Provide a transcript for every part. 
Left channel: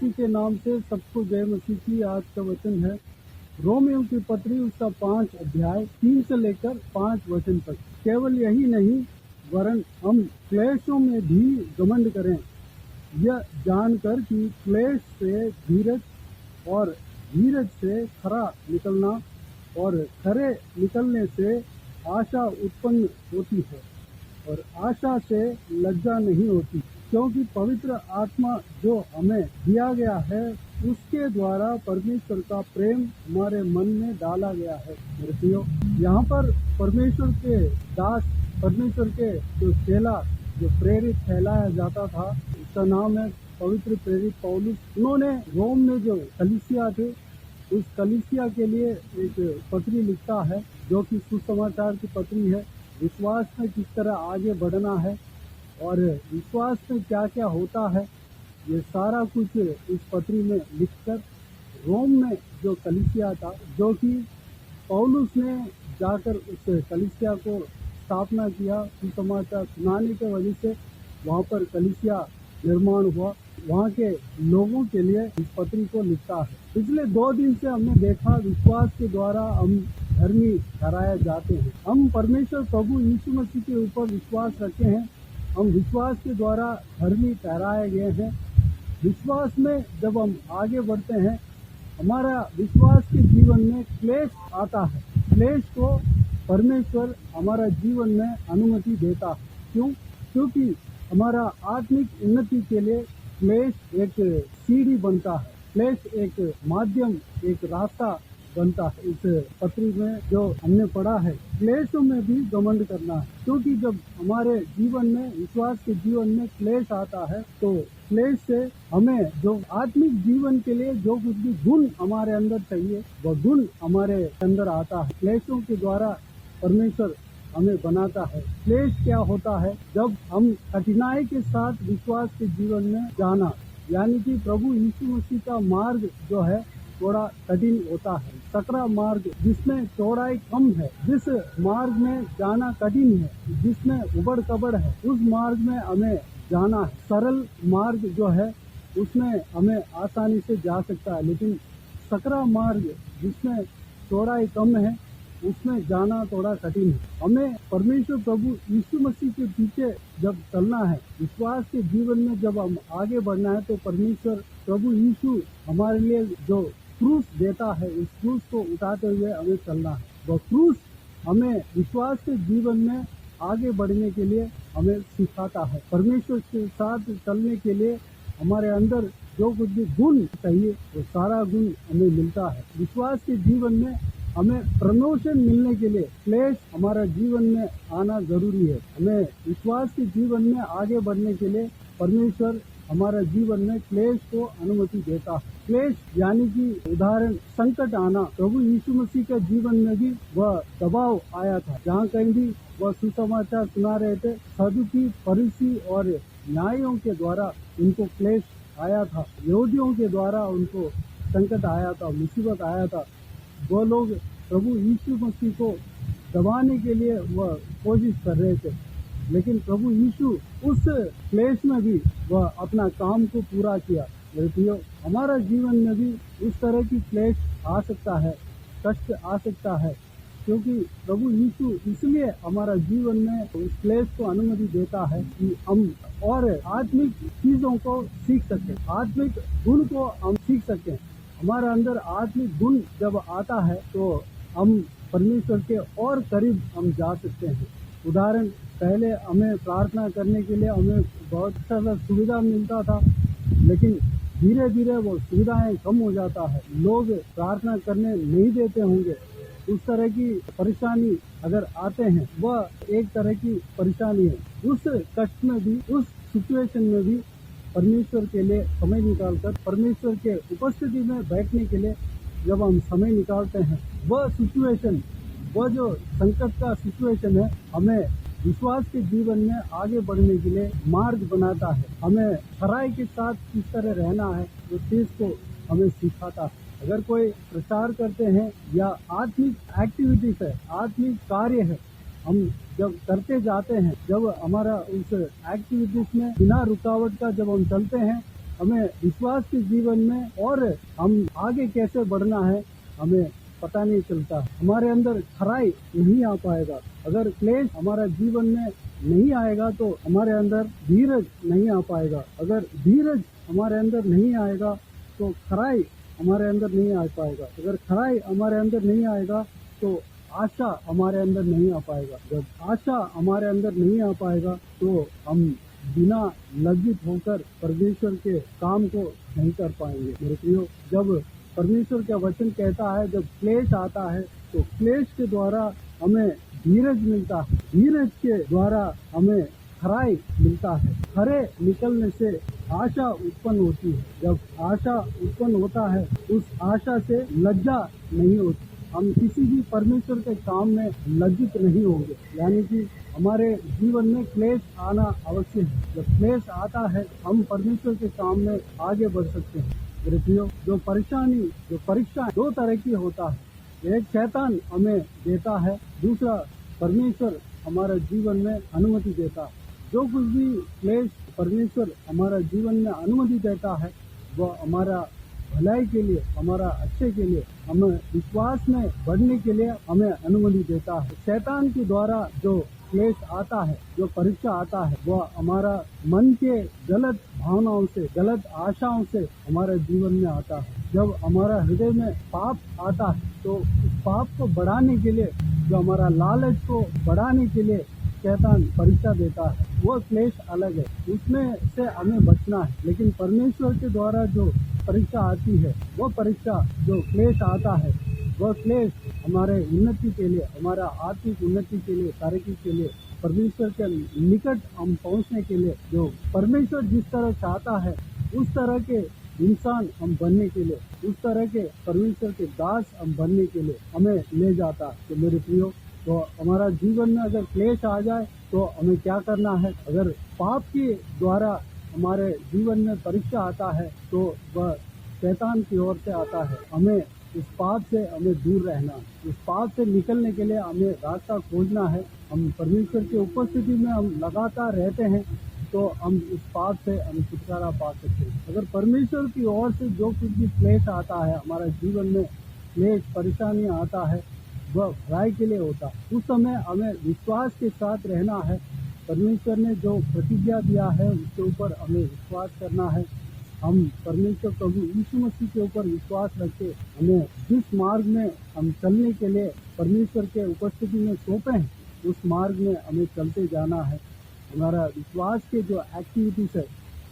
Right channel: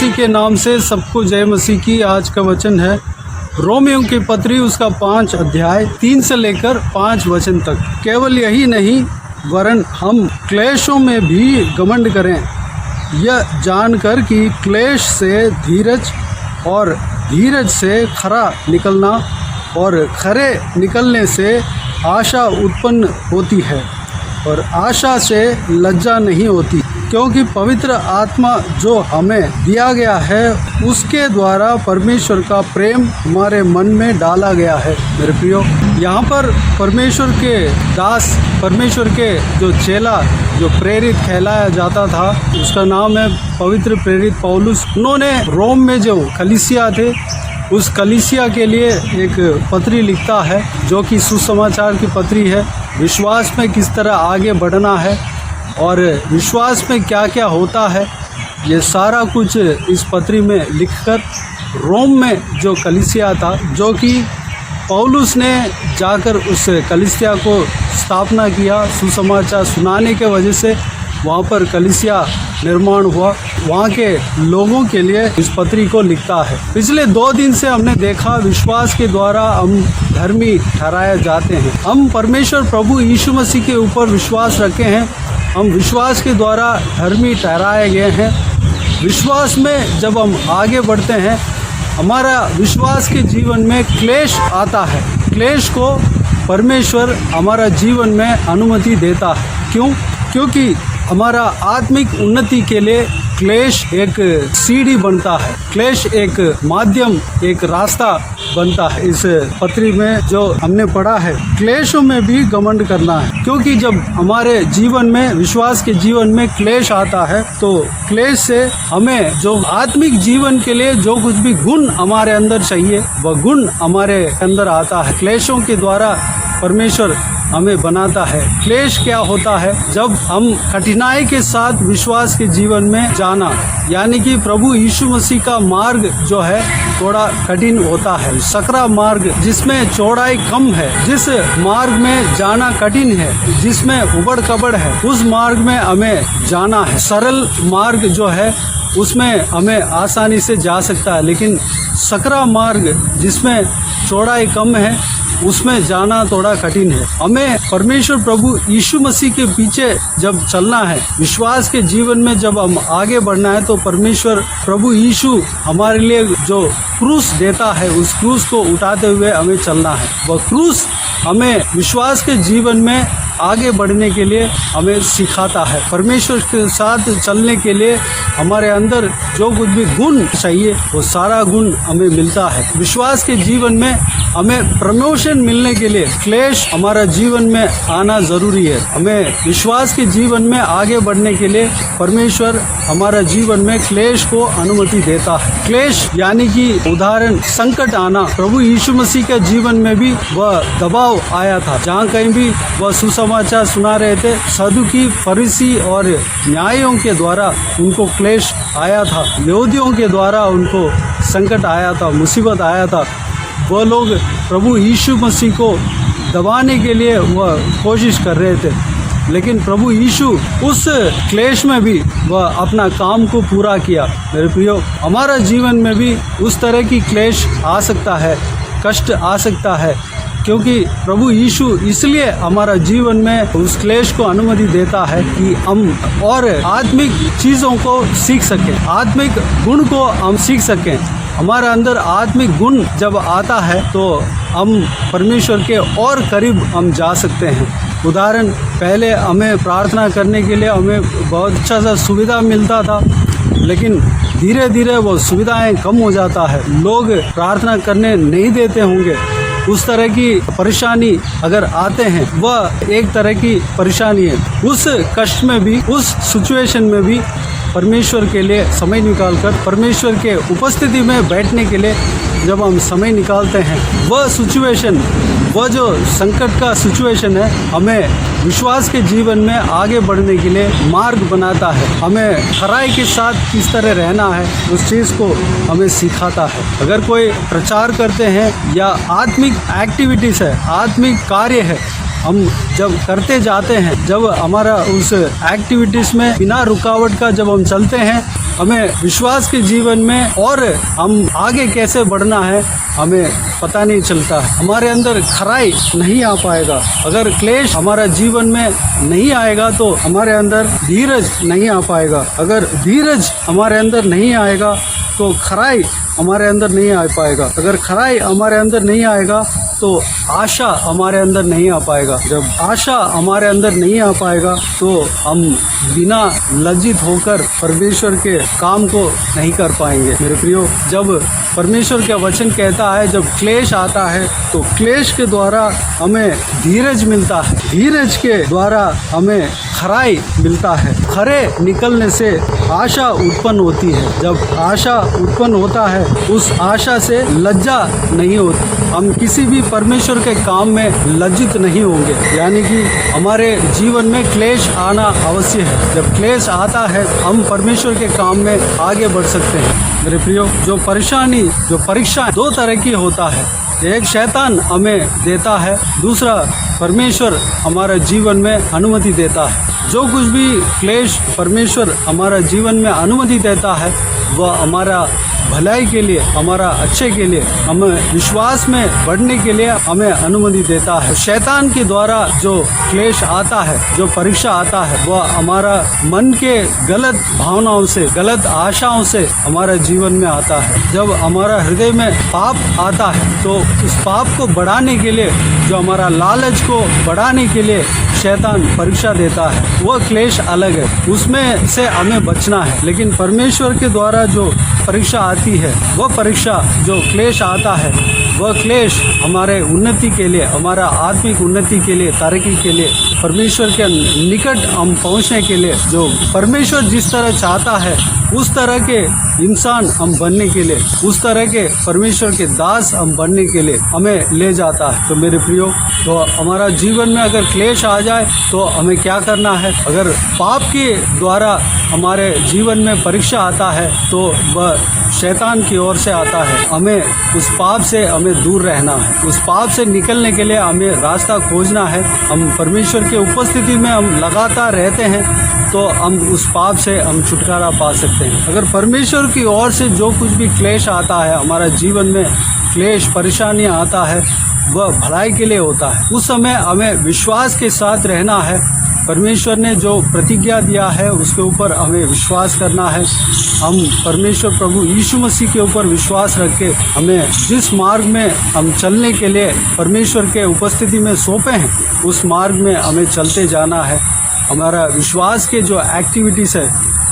मसीह के नाम से सबको जय मसीह की। आज का वचन है रोमियों की पत्री उसका 5 अध्याय 3 से लेकर 5 वचन तक। केवल यही नहीं वरन हम क्लेशों में भी घमंड करें, यह जानकर कि क्लेश से धीरज और धीरज से खरा निकलना और खरे निकलने से आशा उत्पन्न होती है और आशा से लज्जा नहीं होती, क्योंकि पवित्र आत्मा जो हमें दिया गया है उसके द्वारा परमेश्वर का प्रेम हमारे मन में डाला गया है। मेरे प्रियो, यहाँ पर परमेश्वर के दास, परमेश्वर के जो चेला, जो प्रेरित कहलाया जाता था, उसका नाम है पवित्र प्रेरित पौलुस। उन्होंने रोम में जो कलीसिया थे उस कलीसिया के लिए एक पत्री लिखता है, जो कि सुसमाचार की पत्री है। विश्वास में किस तरह आगे बढ़ना है और विश्वास में क्या क्या होता है, ये सारा कुछ इस पत्री में लिखकर रोम में जो कलीसिया था, जो कि पौलुस ने जाकर उस कलीसिया को स्थापना किया, सुसमाचार सुनाने के वजह से वहाँ पर कलीसिया निर्माण हुआ, वहाँ के लोगों के लिए इस पत्री को लिखता है। पिछले 2 दिन से हमने देखा विश्वास के द्वारा हम धर्मी ठहराए जाते हैं। हम परमेश्वर प्रभु यीशु मसीह के ऊपर विश्वास रखे हैं, हम विश्वास के द्वारा धर्मी ठहराए गए हैं। विश्वास में जब हम आगे बढ़ते हैं, हमारा विश्वास के जीवन में क्लेश आता है। क्लेश को परमेश्वर हमारा जीवन में अनुमति देता है। क्यों? क्योंकि हमारा आत्मिक उन्नति के लिए क्लेश एक सीढ़ी बनता है, क्लेश एक माध्यम, एक रास्ता बनता है। इस पत्री में जो हमने पढ़ा है, क्लेशों में भी घमंड करना है, क्योंकि जब हमारे जीवन में, विश्वास के जीवन में क्लेश आता है तो क्लेश से हमें जो आत्मिक जीवन के लिए जो कुछ भी गुण हमारे अंदर चाहिए वह गुण हमारे अंदर आता है। क्लेशों के द्वारा परमेश्वर हमें बनाता है। क्लेश क्या होता है? जब हम कठिनाई के साथ विश्वास के जीवन में जाना, यानी कि प्रभु यीशु मसीह का मार्ग जो है थोड़ा कठिन होता है, सकरा मार्ग जिसमें चौड़ाई कम है, जिस मार्ग में जाना कठिन है, जिसमें उबड़ कबड़ है, उस मार्ग में हमें जाना है। सरल मार्ग जो है उसमें हमें आसानी से जा सकता है, लेकिन सकरा मार्ग जिसमें चौड़ाई कम है उसमें जाना थोड़ा कठिन है। हमें परमेश्वर प्रभु यीशु मसीह के पीछे जब चलना है, विश्वास के जीवन में जब हम आगे बढ़ना है, तो परमेश्वर प्रभु यीशु हमारे लिए जो क्रूस देता है, उस क्रूस को उठाते हुए हमें चलना है। वह क्रूस हमें विश्वास के जीवन में आगे बढ़ने के लिए हमें सिखाता है। परमेश्वर के साथ चलने के लिए हमारे अंदर जो कुछ भी गुण चाहिए वो सारा गुण हमें मिलता है। विश्वास के जीवन में हमें प्रमोशन मिलने के लिए क्लेश हमारा जीवन में आना जरूरी है। हमें विश्वास के जीवन में आगे बढ़ने के लिए परमेश्वर हमारा जीवन में क्लेश को अनुमति देता है। क्लेश यानी कि उदाहरण संकट आना। प्रभु यीशु मसीह के जीवन में भी वह दबाव आया था, जहाँ कहीं भी वह सुसमाचार सुना रहे थे, सदुकी, फरीसी और न्यायों के द्वारा उनको क्लेश आया था, यहूदियों के द्वारा उनको संकट आया था, मुसीबत आया था। वह लोग प्रभु यीशु मसीह को दबाने के लिए वह कोशिश कर रहे थे, लेकिन प्रभु यीशु उस क्लेश में भी वह अपना काम को पूरा किया। मेरे प्रियो, हमारा जीवन में भी उस तरह की क्लेश आ सकता है, कष्ट आ सकता है, क्योंकि प्रभु यीशु इसलिए हमारा जीवन में उस क्लेश को अनुमति देता है कि हम और आत्मिक चीज़ों को सीख सकें, आत्मिक गुण को हम सीख सकें। हमारा अंदर आत्मिक गुण जब आता है तो हम परमेश्वर के और करीब हम जा सकते हैं। उदाहरण, पहले हमें प्रार्थना करने के लिए हमें बहुत अच्छा सा सुविधा मिलता था, लेकिन धीरे धीरे वो सुविधाएं कम हो जाता है, लोग प्रार्थना करने नहीं देते होंगे। उस तरह की परेशानी अगर आते हैं, वह एक तरह की परेशानी है। उस कष्ट में भी, उस सिचुएशन में भी परमेश्वर के लिए समय निकालकर, परमेश्वर के उपस्थिति में बैठने के लिए जब हम समय निकालते हैं, वह सिचुएशन, वह जो संकट का सिचुएशन है, हमें विश्वास के जीवन में आगे बढ़ने के लिए मार्ग बनाता है। हमें खराई के साथ किस तरह रहना है, उस चीज़ को हमें सिखाता है। अगर कोई प्रचार करते हैं या आत्मिक एक्टिविटीज़ है, आत्मिक कार्य है, हम जब करते जाते हैं, जब हमारा उस एक्टिविटीज़ में बिना रुकावट का जब हम चलते हैं, हमें विश्वास के जीवन में और हम आगे कैसे बढ़ना है हमें पता नहीं चलता है। हमारे अंदर खराई नहीं आ पाएगा। अगर क्लेश हमारा जीवन में नहीं आएगा तो हमारे अंदर धीरज नहीं आ पाएगा। अगर धीरज हमारे अंदर नहीं आएगा तो खराई हमारे अंदर नहीं आ पाएगा। अगर खराई हमारे अंदर नहीं आएगा तो आशा हमारे अंदर नहीं आ पाएगा। जब आशा हमारे अंदर नहीं आ पाएगा तो हम बिना लज्जित होकर परमेश्वर के काम को नहीं कर पाएंगे। मेरे प्रियो, जब परमेश्वर का वचन कहता है जब क्लेश आता है तो क्लेश के द्वारा हमें धीरज मिलता है, धीरज के द्वारा हमें खराई मिलता है। खरे निकलने से आशा उत्पन्न होती है। जब आशा उत्पन्न होता है उस आशा से लज्जा नहीं होती। हम किसी भी परमेश्वर के काम में लज्जित नहीं होंगे। यानी कि हमारे जीवन में क्लेश आना अवश्य है। जब क्लेश आता है हम परमेश्वर के काम में आगे बढ़ सकते हैं। मेरे प्रियो, जो परेशानी जो परीक्षा दो तरह की होता है। एक शैतान हमें देता है, दूसरा परमेश्वर हमारे जीवन में अनुमति देता है। जो कुछ भी क्लेश परमेश्वर हमारा जीवन में अनुमति देता है वह हमारा भलाई के लिए, हमारा अच्छे के लिए, हमें विश्वास में बढ़ने के लिए हमें अनुमति देता है। शैतान के द्वारा जो क्लेश आता है, जो परीक्षा आता है, वह हमारा मन के गलत भावनाओं से, गलत आशाओं से हमारा जीवन में आता है। जब हमारा हृदय में पाप आता है तो उस पाप को बढ़ाने के लिए, जो हमारा लालच को बढ़ाने के लिए शैतान परीक्षा देता है। वह क्लेश अलग है, उसमें से हमें बचना है। लेकिन परमेश्वर के द्वारा जो परीक्षा आती है, वह परीक्षा जो क्लेश आता है, वह क्लेश हमारे उन्नति के लिए, हमारा आत्मिक उन्नति के लिए, तरक्की के लिए, परमेश्वर के निकट हम पहुंचने के लिए, जो परमेश्वर जिस तरह चाहता है उस तरह के इंसान हम बनने के लिए, उस तरह के परमेश्वर के दास हम बनने के लिए हमें ले जाता है। तो मेरे प्रियो, तो हमारा जीवन में अगर क्लेश आ जाए तो हमें क्या करना है? अगर पाप के द्वारा हमारे जीवन में परीक्षा आता है तो वह शैतान की ओर से आता है। हमें उस पाप से हमें दूर रहना है। उस पाप से निकलने के लिए हमें रास्ता खोजना है। हम परमेश्वर के उपस्थिति में हम लगातार रहते हैं तो हम उस पाप से हम छुटकारा पा सकते हैं। अगर परमेश्वर की ओर से जो कुछ भी क्लेश आता है, हमारा जीवन में क्लेश परेशानियाँ आता है, वह भलाई के लिए होता है। उस समय हमें विश्वास के साथ रहना है। परमेश्वर ने जो प्रतिज्ञा दिया है उसके ऊपर हमें विश्वास करना है। हम परमेश्वर प्रभु यीशु मसीह के ऊपर विश्वास रख के हमें जिस मार्ग में हम चलने के लिए परमेश्वर के उपस्थिति में सौंपे हैं, उस मार्ग में हमें चलते जाना है। हमारा विश्वास के जो एक्टिविटीज़ है,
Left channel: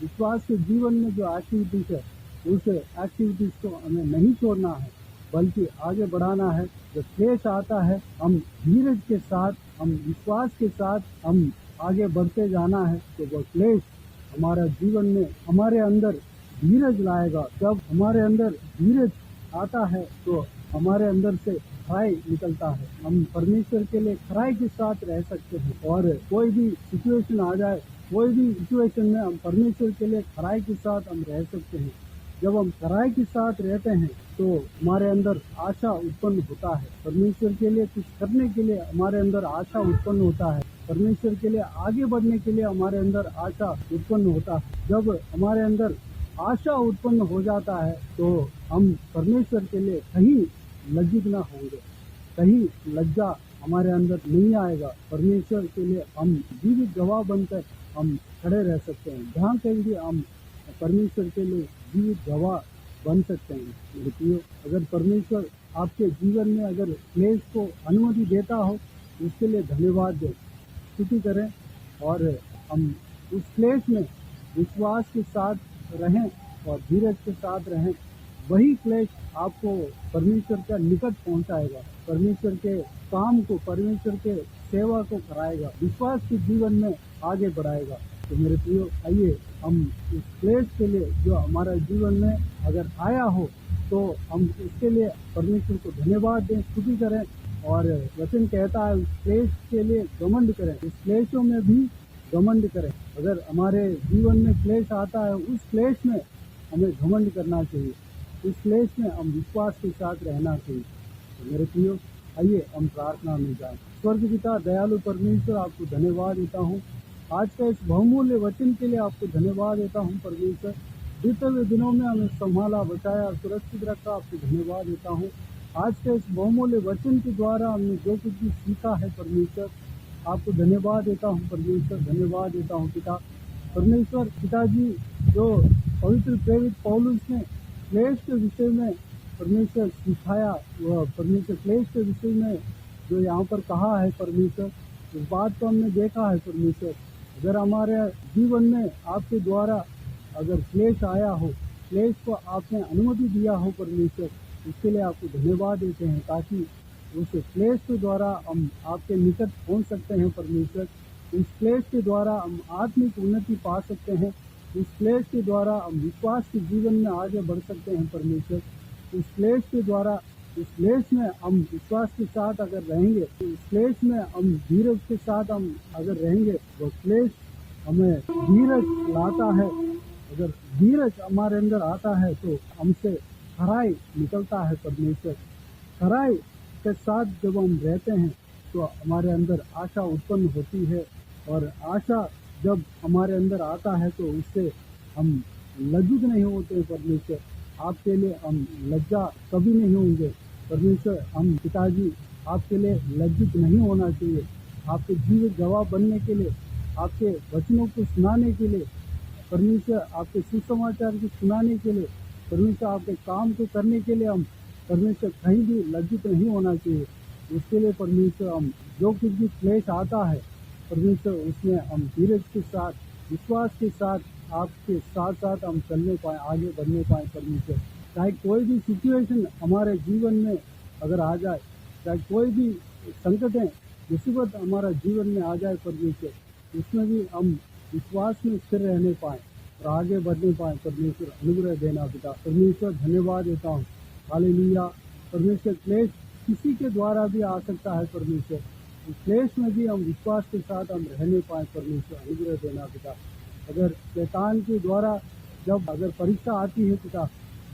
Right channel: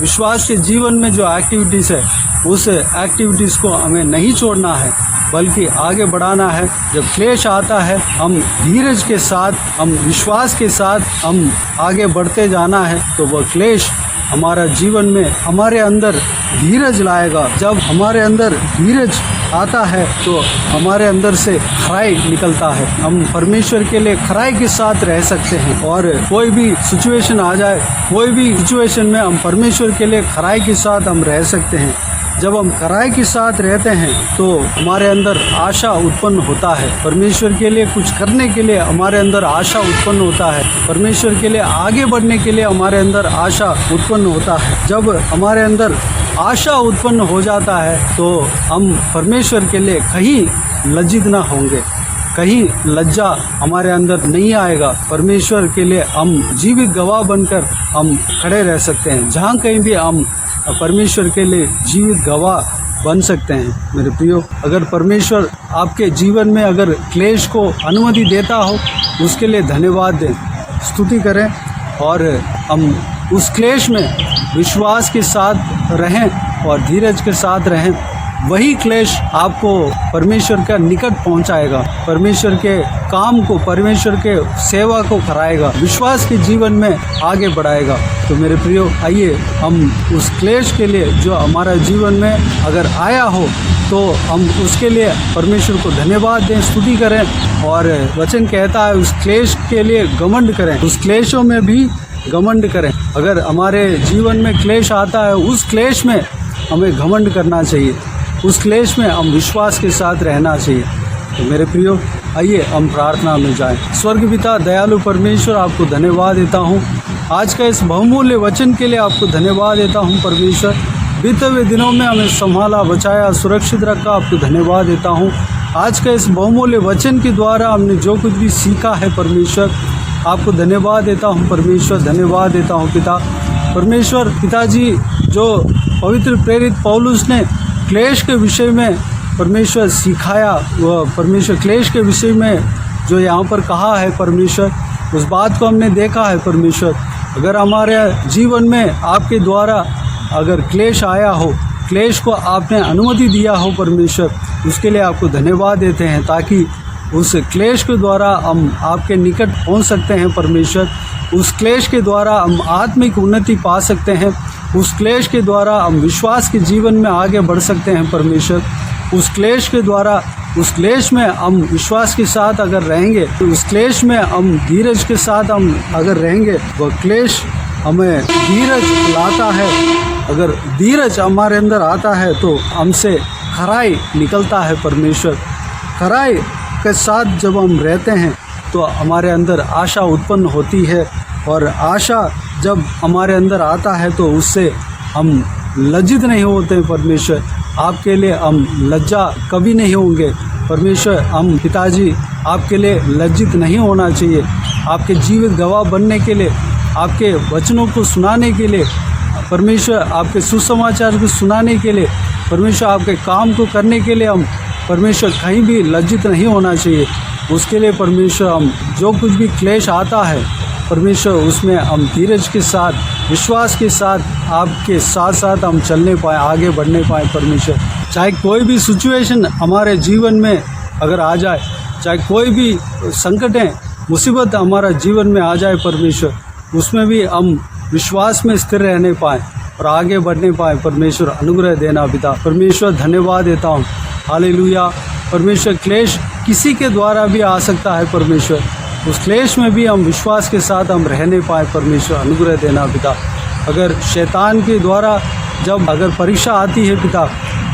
विश्वास के जीवन में जो एक्टिविटीज़ है, उस एक्टिविटीज़ को हमें नहीं छोड़ना है बल्कि आगे बढ़ाना है। जब क्लेश आता है हम धीरज के साथ, हम विश्वास के साथ हम आगे बढ़ते जाना है तो वह क्लेश हमारा जीवन में हमारे अंदर धीरज लाएगा। जब हमारे अंदर धीरज आता है तो हमारे अंदर से खराई निकलता है। हम परमेश्वर के लिए खराई के साथ रह सकते हैं और कोई भी सिचुएशन आ जाए, कोई भी सिचुएशन में हम परमेश्वर के लिए खराई के साथ हम रह सकते हैं। जब हम खराई के साथ रहते हैं तो हमारे अंदर आशा उत्पन्न होता है। परमेश्वर के लिए कुछ करने के लिए हमारे अंदर आशा उत्पन्न होता है। परमेश्वर के लिए आगे बढ़ने के लिए हमारे अंदर आशा उत्पन्न होता है। जब हमारे अंदर आशा उत्पन्न हो जाता है तो हम परमेश्वर के लिए कहीं लज्जित ना होंगे, कहीं लज्जा हमारे अंदर नहीं आएगा। परमेश्वर के लिए हम जीवित गवाह बनकर हम खड़े रह सकते हैं। जहाँ कहीं भी हम परमेश्वर के लिए जीवित गवाह बन सकते हैं। मेरे प्रियो, अगर परमेश्वर आपके जीवन में अगर क्लेश को अनुमति देता हो, उसके लिए धन्यवाद दें, स्तुति करें और हम उस क्लेश में विश्वास के साथ रहें और धीरज के साथ रहें। वही क्लेश आपको परमेश्वर का निकट पहुंचाएगा, परमेश्वर के काम को, परमेश्वर के सेवा को कराएगा, विश्वास के जीवन में आगे बढ़ाएगा। तो मेरे प्रियो, आइए हम उस क्लेश के लिए जो हमारा जीवन में अगर आया हो तो हम उसके लिए परमेश्वर को धन्यवाद दें, स्तुति करें। और वचन कहता है उस क्लेश के लिए घमंड करें, उस क्लेशों में भी घमंड करें। अगर हमारे जीवन में क्लेश आता है, उस क्लेश में हमें घमंड करना चाहिए, उस क्लेश में हम विश्वास के साथ रहना चाहिए। तो मेरे प्रियो, आइए हम प्रार्थना में जाएं। स्वर्ग पिता दयालु परमेश्वर, आपको धन्यवाद देता हूँ आज का इस बहुमूल्य वचन के लिए, आपको धन्यवाद देता हूँ परमेश्वर। बीते हुए दिनों में हमें संभाला, बचाया, सुरक्षित रखा। आपको धन्यवाद देता हूँ। आज का इस बहुमूल्य वचन के द्वारा हमने जो कुछ भी सीखा है परमेश्वर, आपको धन्यवाद देता हूँ परमेश्वर, धन्यवाद देता हूँ पिता। परमेश्वर पिताजी, जो पवित्र प्रेरित पौलुस ने क्लेश के विषय में परमेश्वर सिखाया, वह परमेश्वर क्लेश के विषय में जो यहाँ पर कहा है परमेश्वर, उस बात को हमने देखा है परमेश्वर। अगर हमारे जीवन में आपके द्वारा अगर क्लेश आया हो, क्लेश को आपने अनुमति दिया हो परमेश्वर, उसके लिए आपको धन्यवाद देते हैं, ताकि उस क्लेश के द्वारा हम आपके निकट पहुंच सकते हैं परमेश्वर। उस क्लेश के द्वारा हम आत्मिक उन्नति पा सकते हैं। उस क्लेश के द्वारा हम विश्वास के जीवन में आगे बढ़ सकते हैं परमेश्वर। उस क्लेश के द्वारा, उस क्लेश में हम विश्वास के साथ अगर रहेंगे, तो उस क्लेश में हम धीरज के साथ हम अगर रहेंगे, वह क्लेश हमें धीरज लाता है। अगर धीरज हमारे अंदर आता है तो हमसे खराई निकलता है परमेश्वर। खराई के साथ जब हम रहते हैं तो हमारे अंदर आशा उत्पन्न होती है, और आशा जब हमारे अंदर आता है तो उससे हम लज्जित नहीं होते परमेश्वर। आपके लिए हम लज्जा कभी नहीं होंगे परमेश्वर। हम पिताजी आपके लिए लज्जित नहीं होना चाहिए। आपके जीवित गवाह बनने के लिए, आपके वचनों को सुनाने के लिए परमेश्वर, आपके सुसमाचार को सुनाने के लिए परमेश्वर, आपके काम को करने के लिए हम परमेश्वर कहीं भी लज्जित नहीं होना चाहिए। उसके लिए परमेश्वर हम जो कुछ भी क्लेश आता है परमेश्वर, उसमें हम धीरज के साथ, विश्वास के साथ आपके साथ साथ हम चलने पाएँ, आगे बढ़ने पाएँ परमेश्वर। चाहे कोई भी सिचुएशन हमारे जीवन में अगर आ जाए, चाहे कोई भी संकटें, मुसीबत हमारा जीवन में आ जाए परमेश्वर, उसमें भी हम विश्वास में स्थिर रहने पाएँ और आगे बढ़ने पाएँ परमेश्वर। अनुग्रह देना पिता। परमेश्वर धन्यवाद देता हूँ। हालेलुया। परमेश्वर क्लेश किसी के द्वारा भी आ सकता है परमेश्वर, उस क्लेश में भी हम विश्वास के साथ हम रहने पाए परमेश्वर। अनुग्रह देना पिता। अगर शैतान के द्वारा जब अगर परीक्षा आती है पिता,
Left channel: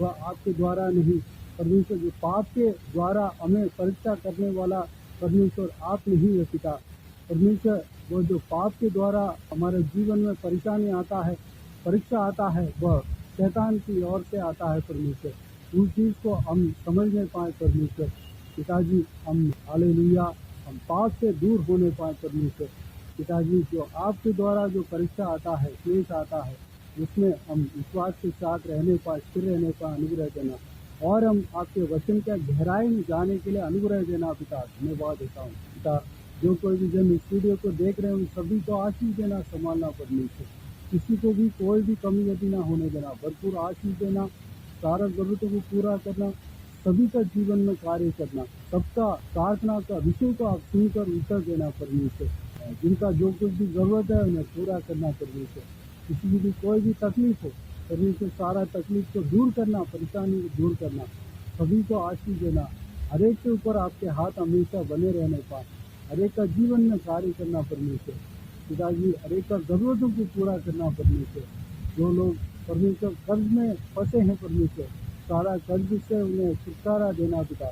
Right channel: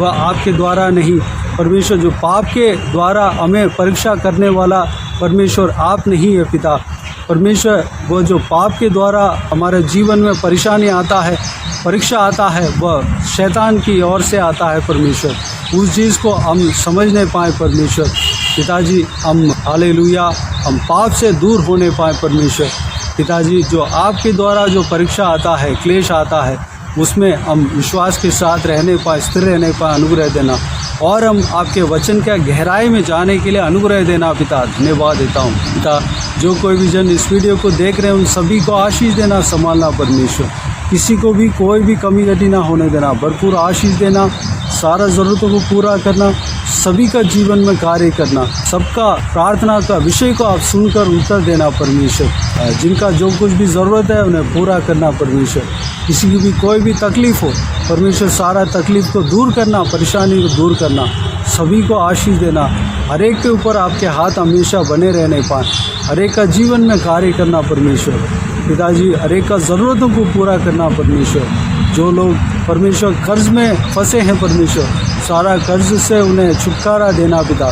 वह आपके द्वारा नहीं परमेश्वर। जो पाप के द्वारा हमें परीक्षा करने वाला परमेश्वर आप नहीं है पिता। परमेश्वर, वो जो पाप के द्वारा हमारे जीवन में परेशानी आता है, परीक्षा आता है, वह शैतान की ओर से आता है परमेश्वर। उस चीज़ को हम समझ नहीं पाए परमेश्वर। पिताजी, हम हालेलुया, हम पाप से दूर होने पाए परमेश्वर। पिताजी, जो आपके द्वारा जो परीक्षा आता है, क्लेश आता है, उसमें हम विश्वास के साथ रहने पाए, स्थिर रहने पाए। अनुग्रह देना, और हम आपके वचन के गहराई में जाने के लिए अनुग्रह देना पिता। धन्यवाद देता हूँ पिता। जो कोई भी जन इस वीडियो को देख रहे हैं, उन सभी को आशीष देना, संभालना परमेश्वर। किसी को भी कोई भी कमी घटी ना होने देना, भरपूर आशीष देना, सारा ज़रूरतों को पूरा करना, सभी का जीवन में कार्य करना, सबका प्रार्थना का विषय को आप सुनकर उत्तर देना परमेश्वर। जिनका जो कुछ भी ज़रूरत है उन्हें पूरा करना परमेश्वर। किसी की भी कोई भी तकलीफ़ हो परमेश्वर, सारा तकलीफ़ को दूर करना, परेशानी को दूर करना, सभी को आशीष देना। हर एक के ऊपर आपके हाथ हमेशा बने रहने पाए, हर एक का जीवन में कार्य करना परमेश्वर। पिताजी, हर एक का ज़रूरतों को पूरा करना परमेश्वर। जो लोग परमेश्वर कर्ज में फंसे हैं परमेश्वर, सारा कर्ज से उन्हें छुटकारा देना पिता।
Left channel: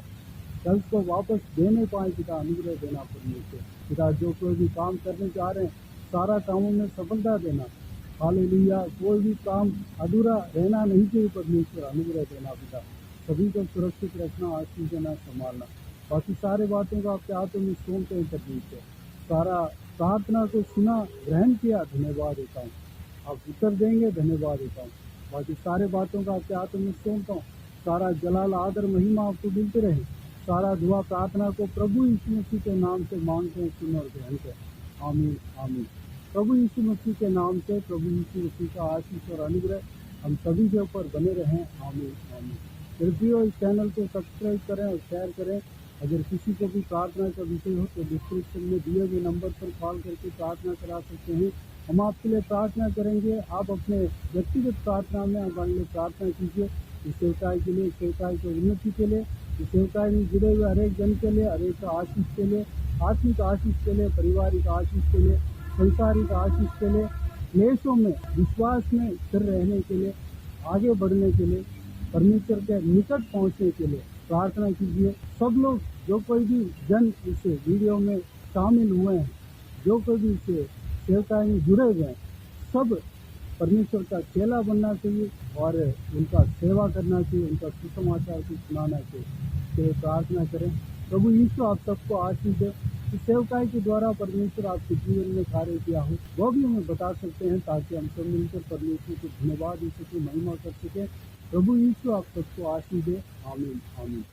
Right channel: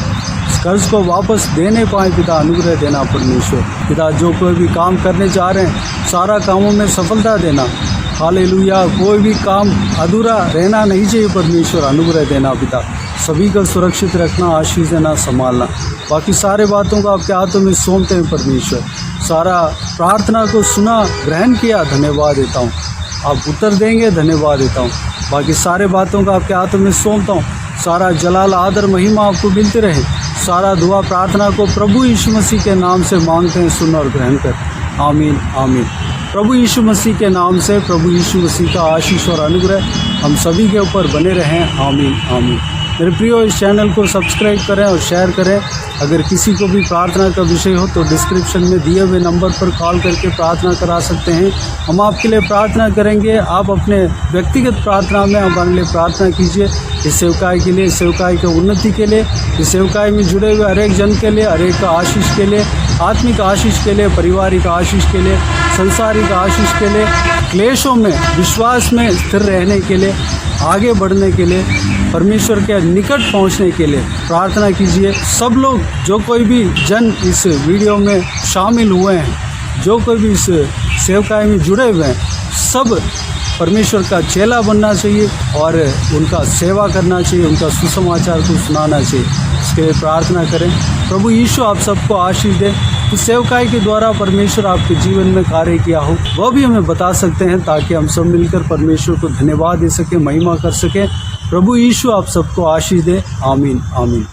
इस कर्ज को वापस देने पाए पिता। अनुग्रह देना परमेश्वर। पिता, जो कोई भी काम करने जा रहे हैं, सारा कामों में सफलता देना। हालेलुया। कोई भी काम अधूरा रहना नहीं चाहिए परमेश्वर। अनुग्रह देना पिता। सभी को सुरक्षित रखना, आशीष देना, संभालना। बाकी सारे बातों को आपके हाथों में सौंपते हैं परमेश्वर। सारा प्रार्थना को सुना, ग्रहण किया, धन्यवाद देता हूँ। आप उत्तर देंगे, धन्यवाद देता हूँ। बाकी सारे बातों को आपके हाथों में सौंपता हूँ। सारा जलाल, आदर, महिमा आपको मिलते रहे। सारा दुआ प्रार्थना को प्रभु यीशु मसीह के नाम से मांगते हैं, सुन और ग्रहण कर। आमीन, आमीन। प्रभु यीशु मसीह के नाम से प्रभु यीशु मसीह का आशीष और अनुग्रह हम सभी के ऊपर बने रहें। आमीन, आमीन। मेरे प्रियो, इस चैनल को सब्सक्राइब करें और शेयर करें। अगर किसी को भी प्रार्थना का विषय हो तो डिस्क्रिप्शन में दिए हुए नंबर पर कॉल करके प्रार्थना करा सकते हैं। हम आपके लिए प्रार्थना करेंगे। आप अपने व्यक्तिगत प्रार्थना में हमारे लिए प्रार्थना कीजिए। इस सेवकाई के लिए, इस सेवकाई के उन्नति के लिए, इस सेवकाई में जुड़े हुए हर एक जन के लिए, हर एक का आशीष के लिए, आत्मिक आशीष के लिए, पारिवारिक आशीष के लिए, संसारिक आशीष के लिए, क्लेशों में विश्वास में स्थिर रहने के लिए, आगे बढ़ने के लिए, परमेश्वर के निकट पहुंचने के लिए प्रार्थना कीजिए। सब लोग, जो कोई भी जन इस वीडियो में शामिल हुए हैं, जो कोई भी इस सेवकाई में जुड़े हुए हैं सब परमेश्वर का चेला बनना चाहिए और उनका सेवा करना चाहिए, उनका सुसमाचार को सुनाना चाहिए। इसके लिए प्रार्थना करें। प्रभु यीशु आप सबको आशीष दे। इस सेवकाई के द्वारा परमेश्वर आपके जीवन में कार्य किया हो वह भी हमें बता सकते हैं, ताकि हम सब मिलकर परमेश्वर को धन्यवाद दे सकें, महिमा कर सकें। प्रभु यीशु आप सबको आशीष दे। आमीन आमीन।